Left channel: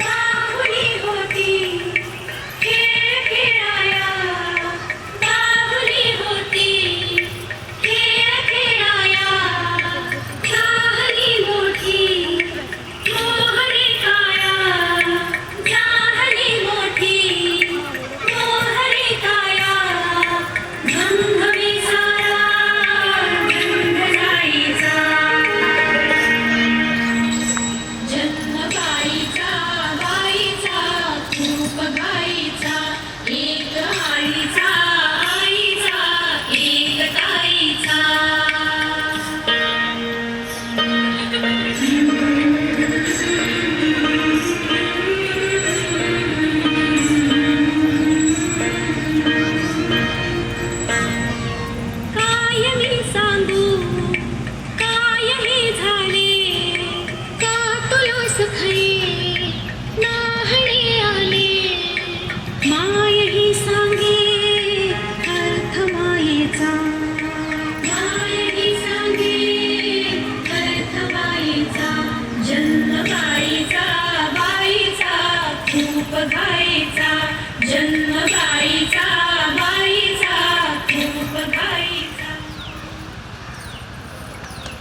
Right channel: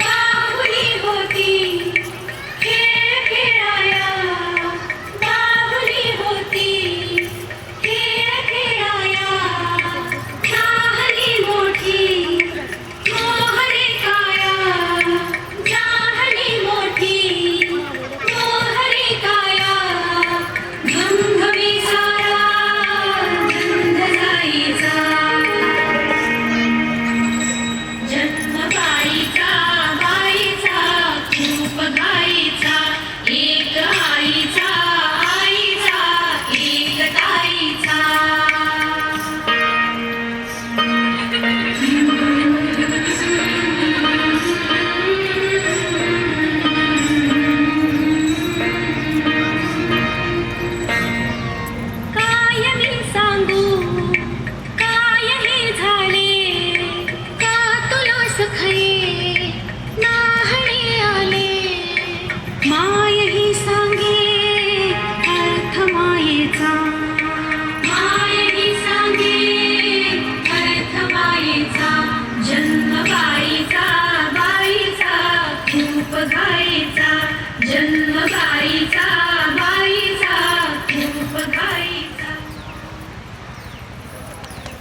बाहुली होती खेळ खेळाया, बाहुली होती खेळ खेळाया, जाहली मोठी मोहरे काया, जाहली मोठी मोहरे काया, घमघमी सारा रंग गाईचा, जन्म गाईचा गाईचा खूप गाईचा, एक आईचा आईचा एक ताईचा. काय मी सांगू काय हे झाले, का तुला सखये नाहणे आले, माय ही सांगे अर्थ मायेचा, माय ही सांगे अर्थ मायेचा, जन्म गाईचा गाईचा खूप गाईचा, जन्म गाईचा